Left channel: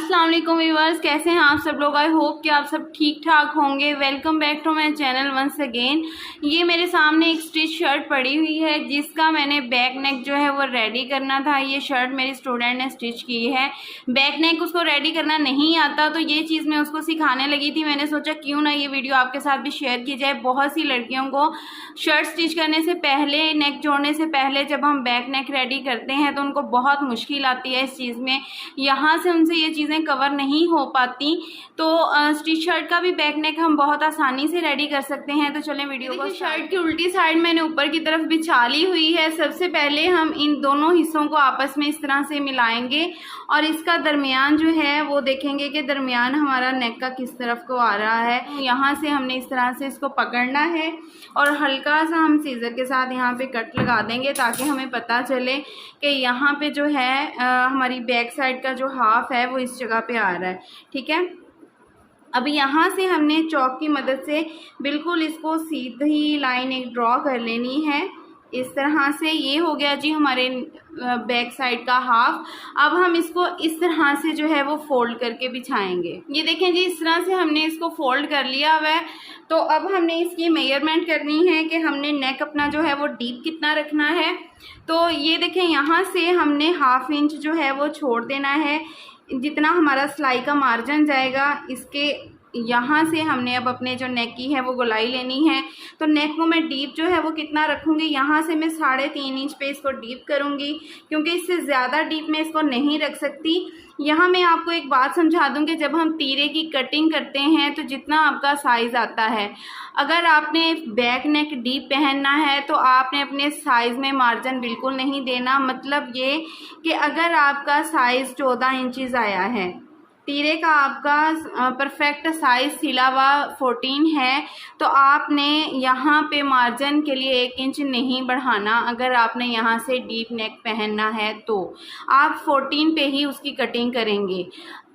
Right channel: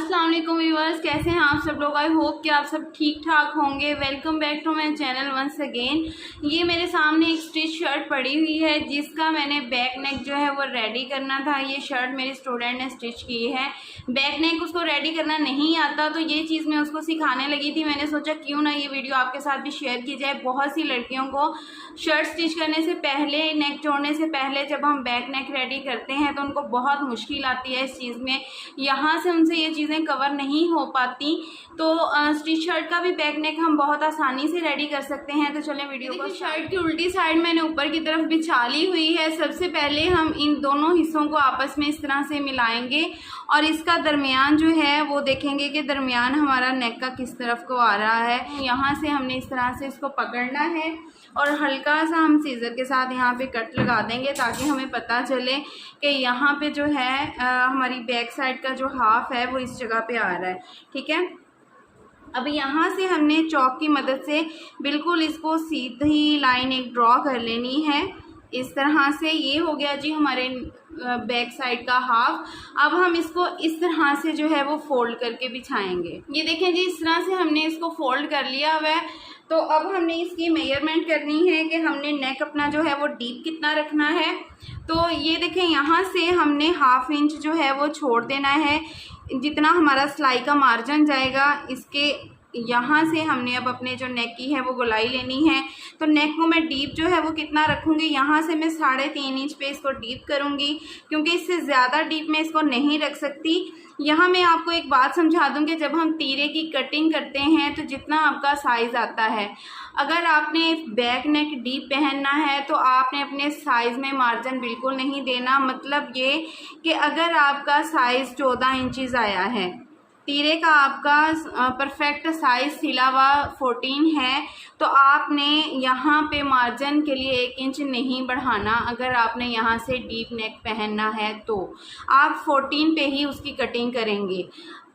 अस्सलाम वालेकुम व्यूअर्स, कैसे हैं आप सब लोग। आई होप कि आप सब ठीक ठाक होंगे। Welcome back to my channel once again. ये मेरे सामने एक स्टिच शर्ट पड़ी हुई है जिसका मैंने बैक नेक जो है वो रेडी करना था। ये शर्ट मेरी स्टूडेंट ने स्टिच की है। बैक नेक उसको रेडी करना नहीं आता तो ये चीज़ मैं उसको सिखाने लगी थी। मैंने सोचा क्यों ना ये वीडियो आपके साथ भी शेयर की जाए। बहुत सी लड़कियों को शर्ट स्टिच करने से पहले, नेक जोड़ने से पहले जब हम बैक नेक रेडी करते हैं तो उनको बहुत मुश्किल आती है इस चीज़ में। यहाँ से उनसे ये चीज़ें कवर नहीं हो पाती। तो स्टिच शर्ट का भी बैक नेक हम बहुत आसानी से रेडी कर सकते हैं। तो चलें वीडियो को। शर्ट की उल्टी साइड मैंने ऊपर की तरफ बिछा ली हुई है। सबसे पहले हम इन दोनों हिस्सों को आपस में इस तरह से मिलाएंगे और इसका दरमियान जो है वो देखेंगे कि दरमियान हमारा नेक का किस तरफ को आ रहा है। यहाँ से हमने इस तरह से इसको पकड़ना है और हल्का सा हम सीजर के साथ यहाँ पे कट लगा देंगे ताकि हमें पता चले कि यहाँ पे जो है हमारी बैक साइड का जो हाफ है वो इस जगह पे आ रहा है। ठीक है, अब यहाँ से हमने चॉक की मदद से बिल्कुल इसको सीधी लाइन एक ड्रॉ कर लेनी है इस तरह से। ये हो गया जी हमारे बैक साइड का हाफ। अब हम इसको इस तरह से जो है वो फोल्ड करके बिछाएंगे। ये देखें जी, इस तरह से हमने इसको फोल्ड कर लिया हुआ है। तो अब हमने इसकी मेजरमेंट करनी है कि हमने नेक अपना जो है वो डीप कितना रखना है। तो ये देखें, यहाँ से हमने ½ इंच जो है वो छोड़ देना है। जितना हमारा सिलाई का मार्जिन जाएगा इसके यहाँ से हमने अब अपने जो नेक की है वो गोलाई लेनी है। तो नेक को मैं डीप जो है वो कितना रखूँगी, यहाँ से मैं 3.5 इंच पे इसको डीप करूँगी क्योंकि इससे ज़्यादा डीप मैं इसको नहीं रख सकती। यहाँ मैं आपको एक बात समझा दूँ कि जब हम तीरे की कटिंग करते हैं तो जितना आपका साइज़ आता है, अगर आपने बैक नेक डीप पहनना है तो आपने अपने साइज़ में मार्जिन बिल्कुल नहीं देना। मतलब ये कि अगर आपका साइज़ 14 इंचज़ आया है, तीरे का आपका परफेक्ट साइज सिला हुआ 14 है, तो आपने यहाँ पे मार्जिन के लिए 1 इंच नहीं बढ़ाना। अगर आपने यहाँ से डीप नेक पहनना है तो आप 14 पे ही उसकी कटिंग करेंगे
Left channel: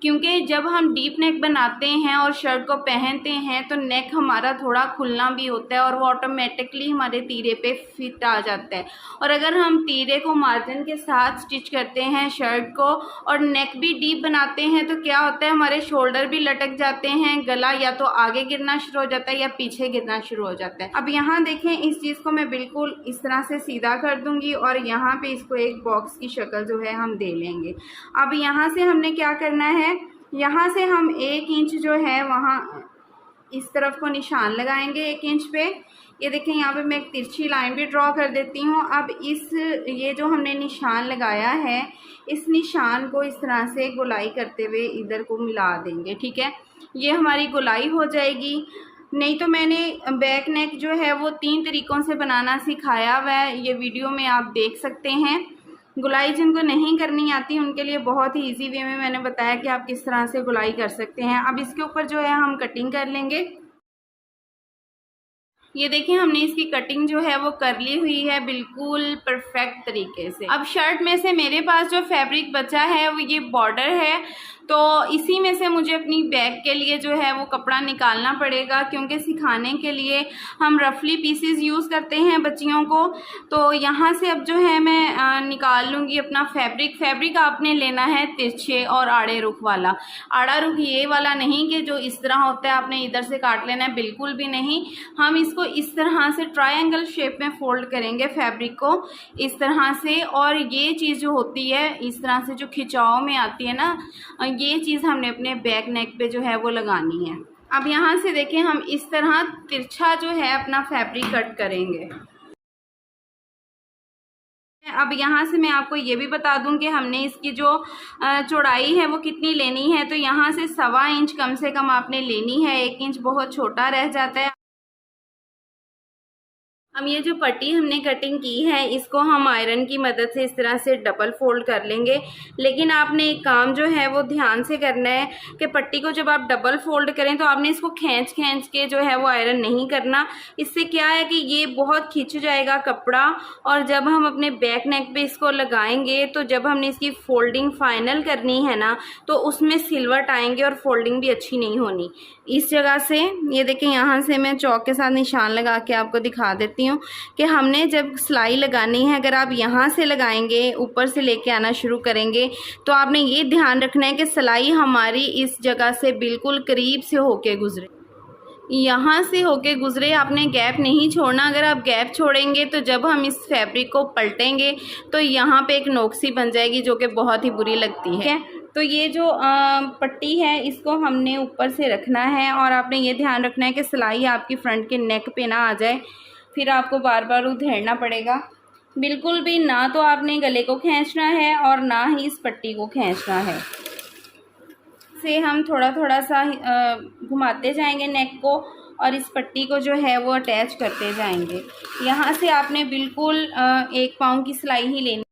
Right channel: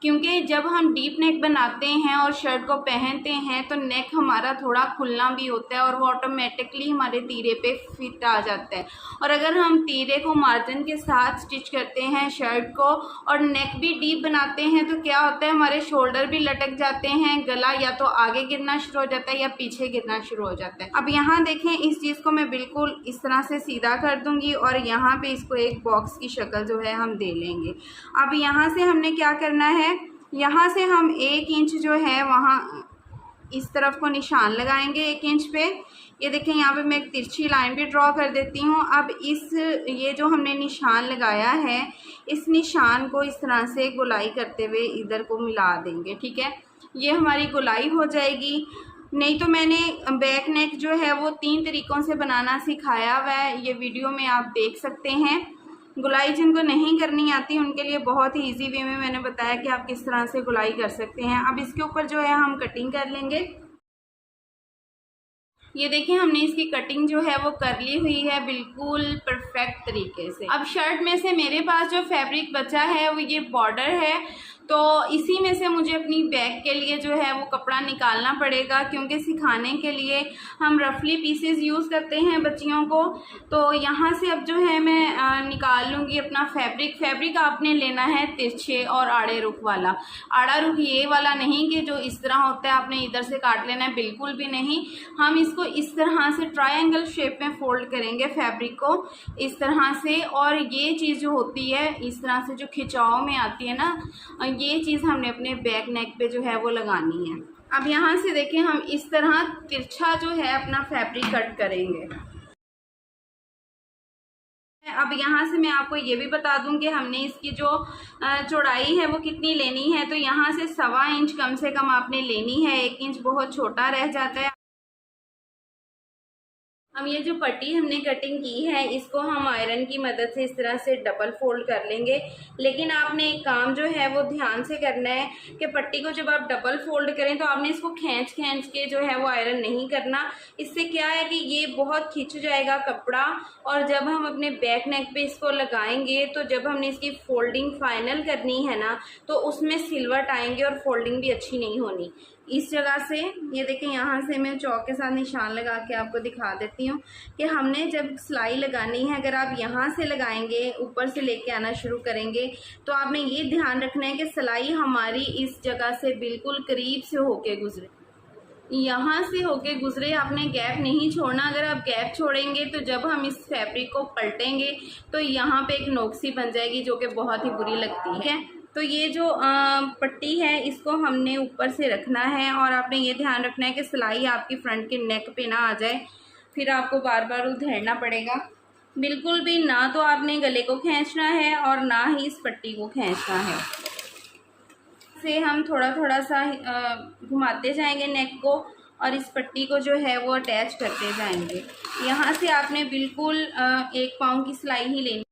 क्योंकि जब हम डीप नेक बनाते हैं और शर्ट को पहनते हैं तो नेक हमारा थोड़ा खुलना भी होता है और वो ऑटोमेटिकली हमारे तीरे पे फिट आ जाता है। और अगर हम तीरे को मार्जिन के साथ स्टिच करते हैं शर्ट को और नेक भी डीप बनाते हैं तो क्या होता है, हमारे शोल्डर भी लटक जाते हैं, गला या तो आगे गिरना शुरू हो जाता है या पीछे गिरना शुरू हो जाता है। अब यहाँ देखें, इस चीज़ को मैं बिल्कुल इस तरह से सीधा कर दूँगी और यहाँ पर इसको एक बॉक्स की शक्ल जो है हम दे लेंगे। अब यहाँ से हमने क्या करना है, यहाँ से हम 1 इंच जो है वहाँ इस तरफ को निशान लगाएंगे 1 इंच पे। ये देखें, यहाँ पे मैं एक तिरछी लाइन भी ड्रॉ कर देती हूँ। अब ये जो हमने निशान लगाया है इस निशान को इस तरह से गोलाई करते हुए इधर को मिला देंगे। ठीक है, ये हमारी गोलाई हो जाएगी। नहीं तो मैंने बैक नेक जो है वो 3 तरीक़ों से बनाना सिखाया हुआ है, ये वीडियो में आप देख सकते हैं। गुलाई जिनको नहीं करनी आती उनके लिए बहुत ही इजी वे में मैंने बताया कि आप किस तरह से गुलाई कर सकते हैं। अब इसके ऊपर जो है हम कटिंग कर लेंगे। ये देखें, हमने इसकी कटिंग जो है वो कर ली हुई है बिल्कुल परफेक्ट तरीके से। अब शर्ट में से मेरे पास जो फैब्रिक बचा है वो ये बॉर्डर है, तो इसी में से मुझे अपनी बैक के लिए जो है वो कपड़ा निकालना पड़ेगा क्योंकि सिखाने के लिए हम रफली पीसेस यूज़ करते हैं बच्चियों को। तो यहाँ से अब जो है मैं निकाल लूँगी अपना फैब्रिक। फैब्रिक आपने लेना है तिरछे और आड़े रुख वाला। आड़ा रुख ये वाला नहीं कि जो इस तरह होता है आपने इधर से काट लेना है, बिल्कुल भी नहीं। हम इसको इस तरह से ट्रायंगल शेप में फोल्ड करेंगे फैब्रिक को इस तरह से, और ये चीज़ जो होती है इस तरह से जो खिंचाव में आती है ना, ये चीज़ हमने अपने बैक नेक पे जो है वो लगानी है। अब यहाँ से देखें, हम इस तरह तिरछा जो है अपना फैब्रिक कट करेंगे। अब यहाँ से मैं आपको ये भी बता दूं कि हमने इसकी जो चौड़ाई है वो कितनी लेनी है। तो यहाँ से 1.25 इंच कम से कम आपने लेनी है, 1 इंच बहुत छोटा रह जाता है। अब ये जो पट्टी हमने कटिंग की है इसको हम आयरन की मदद से इस तरह से डबल फोल्ड कर लेंगे। लेकिन आपने एक काम जो है वो ध्यान से करना है कि पट्टी को जब आप डबल फोल्ड करें तो आपने इसको खींच के जो है वो आयरन नहीं करना। इससे क्या है कि ये बहुत खिंच जाएगा कपड़ा, और जब हम अपने बैक नेक पे इसको लगाएंगे तो जब हमने इसकी फोल्डिंग फाइनल करनी है ना तो उसमें सिलवट आएंगे और फोल्डिंग भी अच्छी नहीं होनी। इस जगह से ये देखें, यहाँ से मैं चौक के साथ निशान लगा के आपको दिखा देती हूँ कि हमने जब सिलाई लगानी है, अगर आप यहाँ से लगाएंगे, ऊपर से लेके आना शुरू करेंगे, तो आपने ये ध्यान रखना है कि सिलाई हमारी इस जगह से बिल्कुल करीब से होके गुजरे, यहाँ से होके गुजरे। आपने गैप नहीं छोड़ना। अगर आप गैप छोड़ेंगे तो जब हम इस फैब्रिक को पलटेंगे तो यहाँ पे एक नोक्सी बन जाएगी जो कि बहुत ही बुरी लगती है। तो ये जो पट्टी है इसको हमने ऊपर से रखना है और आपने ये ध्यान रखना है कि सिलाई आपकी फ्रंट के नेक पे ना आ जाए, फिर आपको बार बार उधेड़ना पड़ेगा। बिल्कुल भी ना तो आपने गले को खींचना है और ना ही इस पट्टी को खींचना है। से हम थोड़ा थोड़ा सा घुमाते जाएंगे नेक को और इस पट्टी को जो है वो अटैच करते जाएंगे। यहाँ से आपने बिल्कुल 1 पाँव की सिलाई ही लेनी।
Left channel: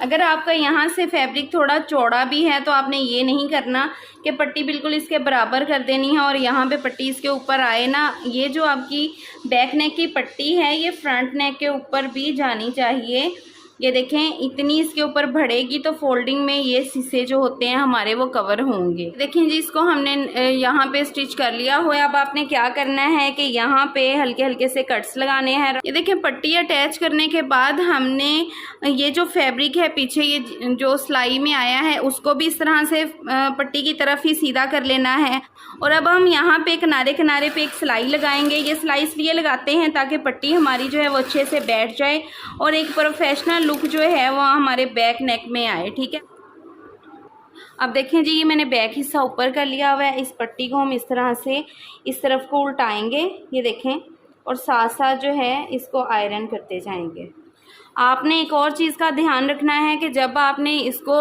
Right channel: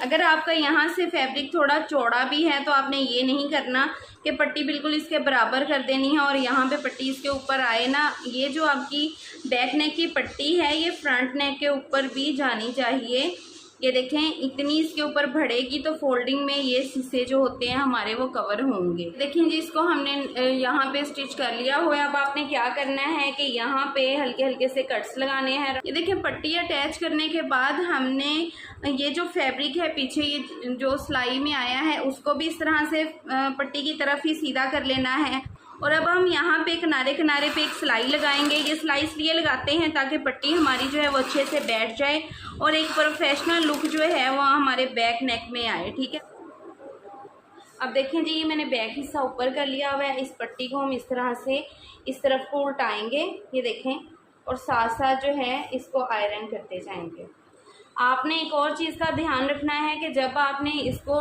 अगर आपका यहाँ से फैब्रिक थोड़ा चौड़ा भी है तो आपने ये नहीं करना कि पट्टी बिल्कुल इसके बराबर कर देनी है और यहाँ पे पट्टी इसके ऊपर आए ना। ये जो आपकी बैक नेक की पट्टी है ये फ्रंट नेक के ऊपर भी जानी चाहिए। ये देखें, इतनी इसके ऊपर बढ़ेगी तो फोल्डिंग में ये शीशे जो होते हैं हमारे वो कवर होंगे। देखें जी, इसको हमने यहाँ पे स्टिच कर लिया हुआ है। अब आपने क्या करना है कि यहाँ पे हल्के हल्के से कट्स लगाने हैं। ये देखें, पट्टी अटैच करने के बाद हमने ये जो फैब्रिक है पीछे ये जो सिलाई में आया है उसको भी इस तरह से पट्टी की तरफ ही सीधा कर लेना है। और अब हम यहाँ पे किनारे किनारे पे एक सिलाई लगाएंगे। ये सिलाई इसलिए लगाते हैं ताकि पट्टी हमारी जो है वो अच्छे से बैठ जाए और एक प्रोफेशनल लुक जो है वो हमारे बैक नेक में आए। ठीक है, अब देखें जी, ये मैंने बैक हिस्सा ऊपर कर लिया हुआ है। इस पट्टी को हम इस तरह से इस तरफ को उल्टाएंगे, ये देखें, और साथ साथ जो है इसको आयरन करते जाएंगे। आपने एक और चीज़ का ध्यान रखना है कि जब आपने इसको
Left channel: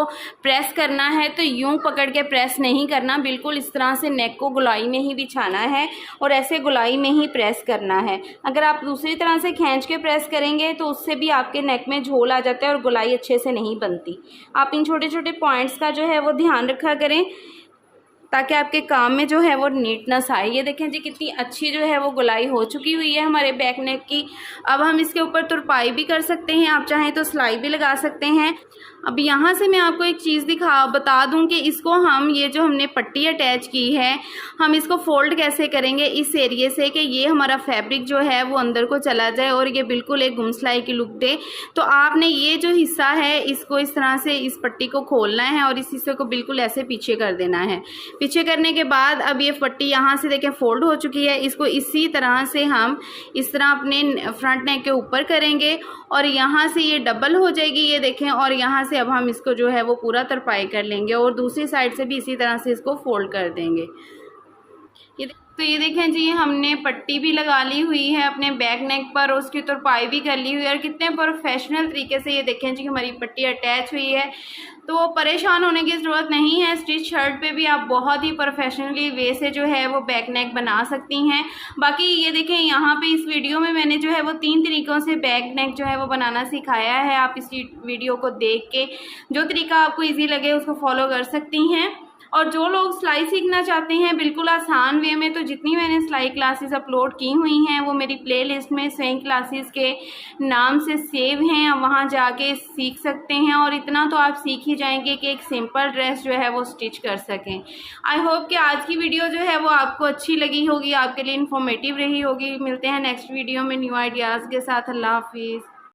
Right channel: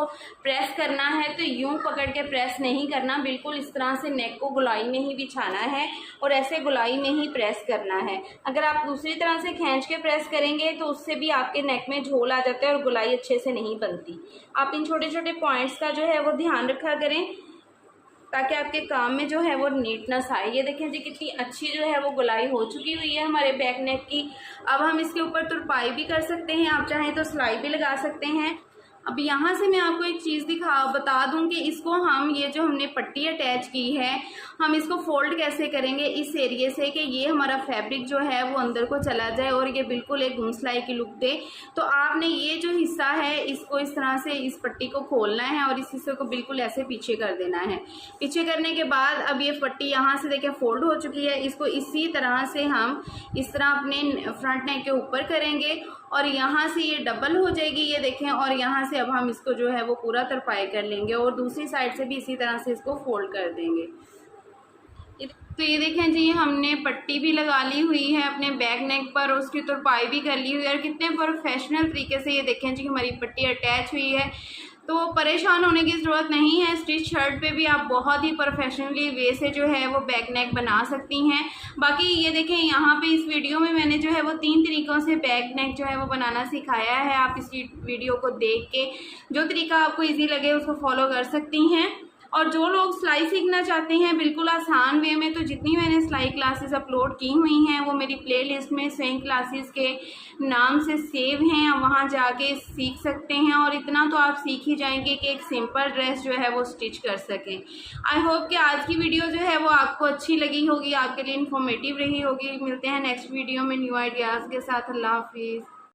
प्रेस करना है तो यूं पकड़ के प्रेस नहीं करना, बिल्कुल इस तरह से नेक को गोलाई में ही बिछाना है और ऐसे गोलाई में ही प्रेस करना है। अगर आप दूसरी तरह से खींच के प्रेस करेंगे तो उससे भी आपके नेक में झोल आ जाता है और गोलाई अच्छे से नहीं बनती। आप इन छोटे छोटे पॉइंट्स का जो है वो ध्यान रखा करें ताकि आपके काम में जो है वो नीटनेस आए। ये देखें जी, कितनी अच्छी जो है वो गुलाई हो चुकी हुई है हमारे बैक नेक की। अब हम इसके ऊपर तुरपाई भी कर सकते हैं, आप चाहें तो सिलाई भी लगा सकते हैं। अब यहाँ से मैं आपको एक चीज़ बता दूं कि इसको हम ये जो हमने पट्टी अटैच की है हम इसको फोल्ड कैसे करेंगे इस एरिए से कि ये हमारा फैब्रिक जो है वो अंदर को चला जाए और ये बिल्कुल एक गुम सिलाई की लुक दे। तो आपने ये जो हिस्सा है इसको इस तरह से इस पट्टी को खोलना है और इस हिस्से को बिल्कुल ऐसे पीछे कर देना है। पीछे करने के बाद अब ये पट्टी यहाँ से देखें फोल्ड हो चुकी है। इसको इसी तरह से हम इस तरह अपने फ्रंट नेक के ऊपर करेंगे और यहाँ से ये डबल हो जाएगी, ये देखें। और यहाँ से अब हम इसको जो है वो पूरा तरपाई कर लेंगे और दूसरी साइड से भी इसी तरह से इसको फोल्ड कर देंगे। तो ये देखें जी, हमने पट्टी भी लगा ली हुई है अपने बैक नेक पर, उसकी तुरपाई भी कर ली हुई है और कितने प्रोफेशनल तरीके से ये देखें जी हमारी पट्टी अटैच हुई है। तो परेशान होने की ज़रूरत नहीं है। स्टिच शर्ट पे भी आप बहुत ही प्रोफेशनली वे से जो है वो बैक नेक बना सकती हैं। बाकी ये देखें, यहाँ पे इस वीडियो में मैंने जो है वो 3 तरीक़ों से बैक नेक जो है वो बनाना सिखाया है। आप इस वीडियो को देख के जो तरीका आपको ईजी लगे उसको फॉलो कर सकती हैं। और जो लोग सिलाई सीखना चाहते हैं बिल्कुल आसान वे में, तो जितनी मैंने सिलाई क्लासेस अपलोड की हुई हैं वो मेरी प्लेलिस्ट में स्विंग क्लासेस के नाम से सेव हैं, आप वहाँ जाके सीख सकते हैं। और इतना तो आप सीख ही जाएंगे कि एक सिंपल ड्रेस जो है वो स्टिच कर सकें। आई होप कि आज की वीडियो जो है वो आपको अच्छी लगी होगी, आपके लिए इन्फॉर्मेटिव रही होगी। मिलते हैं नेक्स्ट वीडियो में न्यू आइडियाज़ के साथ। अल्लाह हाफिज़।